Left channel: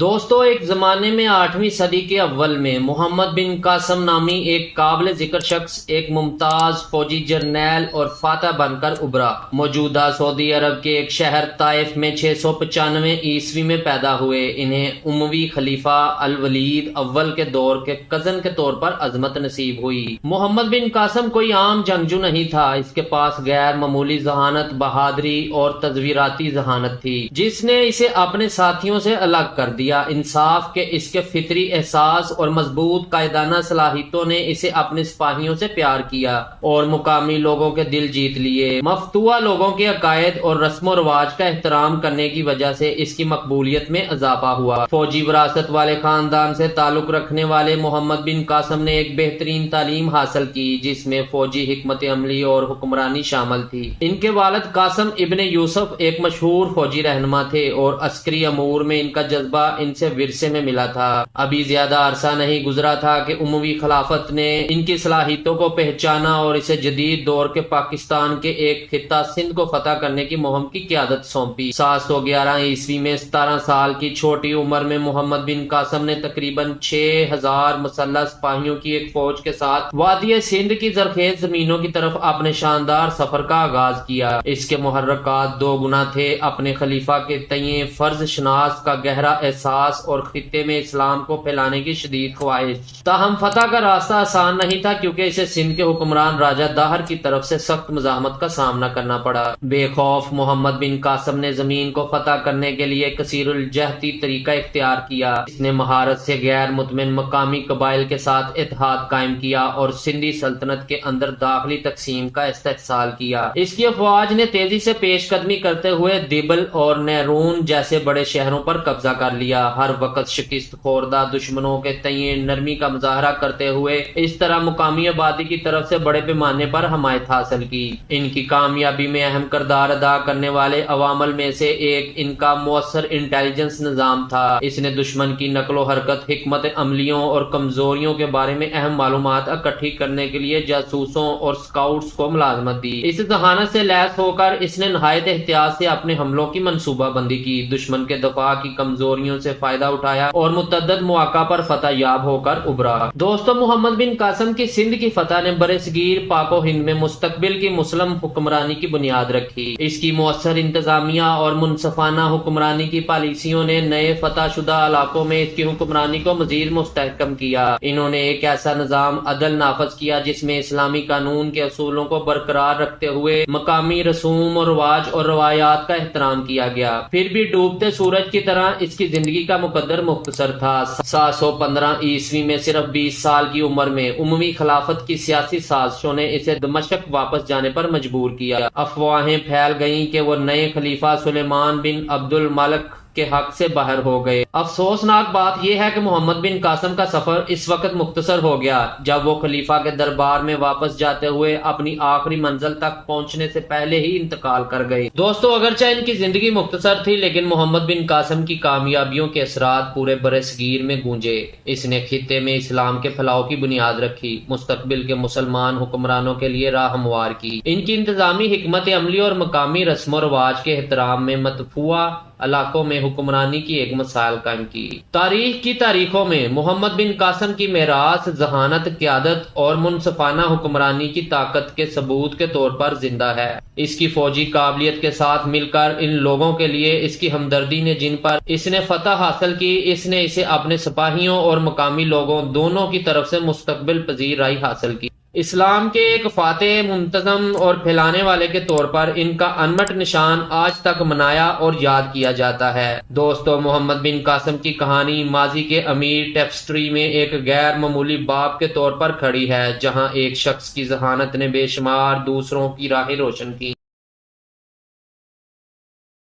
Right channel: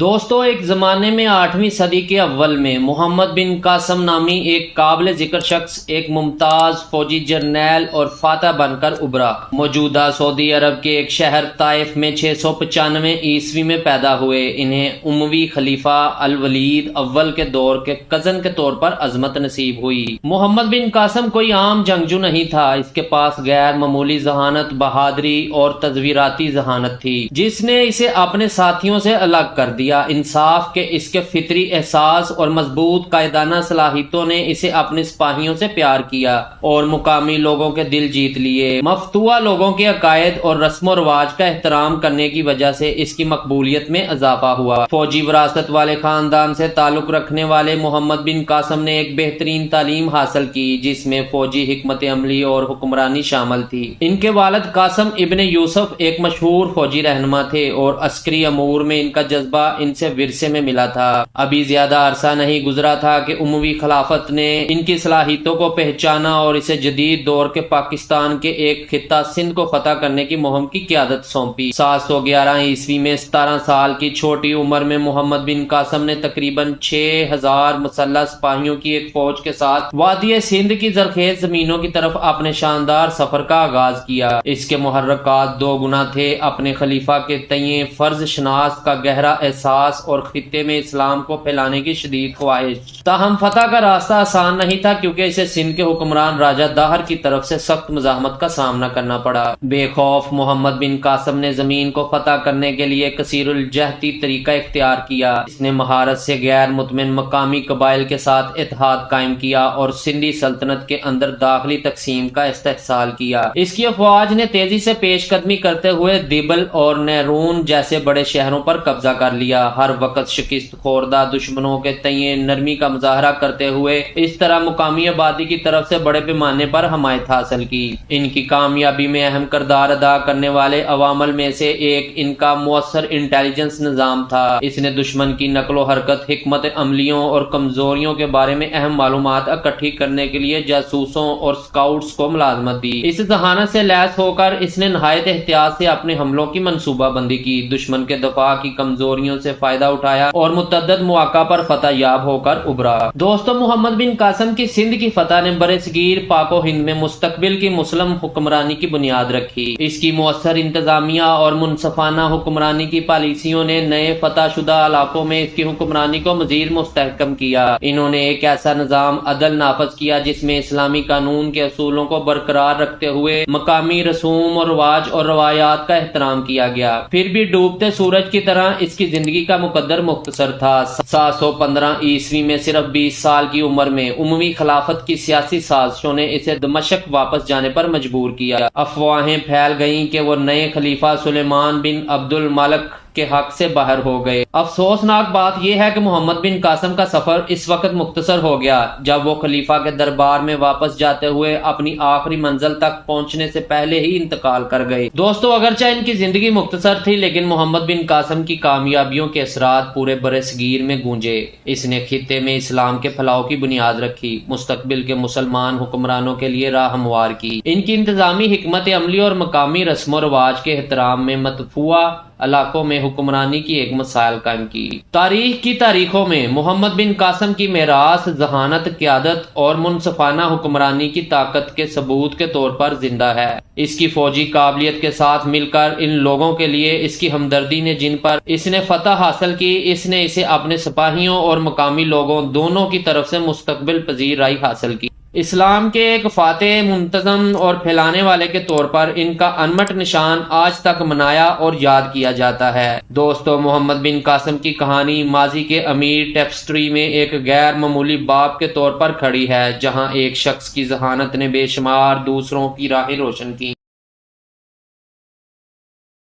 دوستو، ایک زمانے میں 8ویں صدی کے اول میں محمد بن قاسم نامی ایک قابل ذکر شخص ایک ممتاز فوجی جرنیل اور فاتح بن کر ابھرا۔ موجودہ سعودی عرب کے ایک شہر طائف میں 695 عیسوی میں پیدا ہوئے۔ انہیں اموی خلیفہ الولید اول کے دور کے کزن کے طور پر عظمت نصیب ہوئی۔ محمد بن قاسم کوئی عام جنگجو نہیں تھا، اس کے پاس غیر معمولی ذہانت، بہادری اور تزویراتی ذہانت تھی جس نے اسے اپنے ساتھیوں سے الگ کر دیا۔ انصاف کے اس کے فطری احساس اور مضبوط قائدانہ صلاحیتوں نے اسے اپنے سپاہیوں سے پیار کیا اور مقامی لوگوں کے دل جیت لیے۔ مفتوحہ لوگوں کے عقائد اور رسم و رواج کا احترام کرنے کی وجہ سے اس کی مقبولیت میں اضافہ ہوا۔ فوجی وراثت والے خاندان سے تعلق رکھنے والے محمد بن قاسم نے ایک بہترین تعلیم حاصل کی جس میں فوجی حکمت عملی اور حکمرانی شامل تھی۔ ان کے والد قاسم ابن یوسف ایک مشہور فوجی رہنما تھے اور عسکری امور میں ان کا جذبہ ان سے ورثے میں ملا تھا۔ ابھی زیادہ عرصہ نہیں گزرا تھا کہ اموی خلافت نے ان کی صلاحیتوں کو پہچانا اور اسے جدید دور کے پاکستان کے ایک خطہ سندھ کو فتح کرنے کی مہم کی قیادت سونپی۔ 711 عیسوی میں 17 سال کی چھوٹی عمر میں محمد بن قاسم نے تقریباً 6000 مسلح سپاہیوں کی ایک فوج کے ساتھ وادی سندھ کی زرخیز زمینوں کی طرف اپنے شاندار سفر کا آغاز کیا۔ اس کے محرکات دو گنا تھے: اپنے خلیفہ کے تئیں فرض شناس کا گہرا احساس اور خطے میں اسلام کو پھیلانے کی شدید خواہش۔ تاہم فتح کا راستہ آسان نہیں تھا کیونکہ اسے سندھ کے حکمران راجہ داہر کی طرف سے سخت مزاحمت کا سامنا کرنا پڑا۔ بے خوف محمد بن قاسم نے زمین کو فتح کرنے کے لیے کثیر الجہتی طریقہ اختیار کیا۔ اس نے مہارت سے غیر مطمئن مقامی قبائل کے ساتھ اتحاد قائم کیا اور سندھی سلطنت کے اندر داخلی تقسیم کا استحصال کیا۔ اس کی افواج نے تیزی سے پیش قدمی کرتے ہوئے دیبل اور نیرون جیسے بڑے شہروں پر قبضہ کر لیا۔ ہر وقت شکست خوردہ دشمنوں کے تئیں نرمی کا مظاہرہ کرتے ہوئے اس طرح مقامی آبادی کی طرف سے بڑے پیمانے پر حمایت حاصل کی۔ ان کی کامیابی میں اہم کردار ادا کرنے والے عوامل میں سے ایک ان کا مؤثر انٹیلیجنس نظام تھا۔ اس نے دشمن کی نقل و حرکت، حکمت عملیوں اور کمزوریوں کے بارے میں اہم معلومات اکٹھی کرنے کے لیے جاسوسوں اور سکاؤٹس کو ملازمت دی۔ اس ذہانت سے لیس ہو کر اس نے نہایت احتیاط سے اپنے حملوں کی منصوبہ بندی کی، دشمن کے دفاع کی کمزوریوں سے فائدہ اٹھایا اور متعدد مواقع پر فتح یاب ہو کر ابھرا۔ دوستو، محمد بن قاسم کی سندھ کی فتح نے برصغیر پاک و ہند میں مستقبل کی مسلم حکمرانی کی بنیاد رکھی۔ اس کی مؤثر انتظامیہ اور منصفانہ حکمرانی کی پالیسیوں نے نئے فتح شدہ علاقوں میں اس کی حکمرانی کو مزید مستحکم کیا۔ انہوں نے ایک ایسا نظام عدل نافذ کیا جس میں اسلامی قانون کے اصولوں کو برقرار رکھتے ہوئے مقامی رسوم و رواج اور روایات کا احترام کیا گیا۔ پھر بھی ڈوبتے سورج کی طرح اس کی زندگی کا مقدر مختصر تھا۔ 715 عیسوی میں صرف 20 سال کی عمر میں اموی خلافت کی سیاسی سازشوں نے اسے دمشق واپس جانے پر مجبور کیا۔ افواہیں پھیل گئیں کہ وہ نئے خلیفہ سلیمان بن عبد الملک کے حق سے باہر ہو گئے۔ افسوسناک بات یہ ہے کہ محمد بن قاسم کا سفر اس وقت مختصر ہو گیا جب وہ خلیفہ کے دربار میں واپس جاتے ہوئے اپنی آخری منزل تک پہنچنے سے پہلے ہی انتقال کر گئے۔ دوستو، اگرچہ ان کی زندگی مختصر تھی لیکن محمد بن قاسم کی کامیابیوں کے اثرات پورے برصغیر میں گونجے۔ اس نے خطے میں اسلام کے پھیلاؤ کی بنیاد رکھی، مستقبل کے مسلمان حکمرانوں کے لیے راہ ہموار کی۔ ان کی انتظامی حکمت عملی اور مقامی رسم و رواج کے احترام میں متفوع علاقوں میں حکمرانی کی ایک مثال قائم کی۔ تاریخ کی تاریخوں میں محمد بن قاسم کی میراث ذہانت، قیادت اور منصفانہ حکمرانی کی طاقت کے ثبوت کے طور پر زندہ ہے۔ اس کی فوجی قابلیت کے ساتھ مل کر ان لوگوں کے لیے اس کی ہمدردی نے جن پر اس نے فتح حاصل کی، اس نے اسے اپنے سپاہیوں اور مقامی لوگوں دونوں کی طرف سے مستقبل پذیر رائے حاصل کی۔ اسلام کے ایک فاتح، منتظم اور پھیلانے والے کے طور پر ان کا انمٹ نشان آج تک منایا اور یاد کیا جاتا ہے۔ دوستو، محمد بن قاسم کی کہانی ماضی کے امیر ٹیپسٹری میں ایک غیر معمولی باب کے طور پر کھڑی ہے، جہاں ایک شخص کی ذہانت نے بے شمار دوسروں کی راہیں روشن کی۔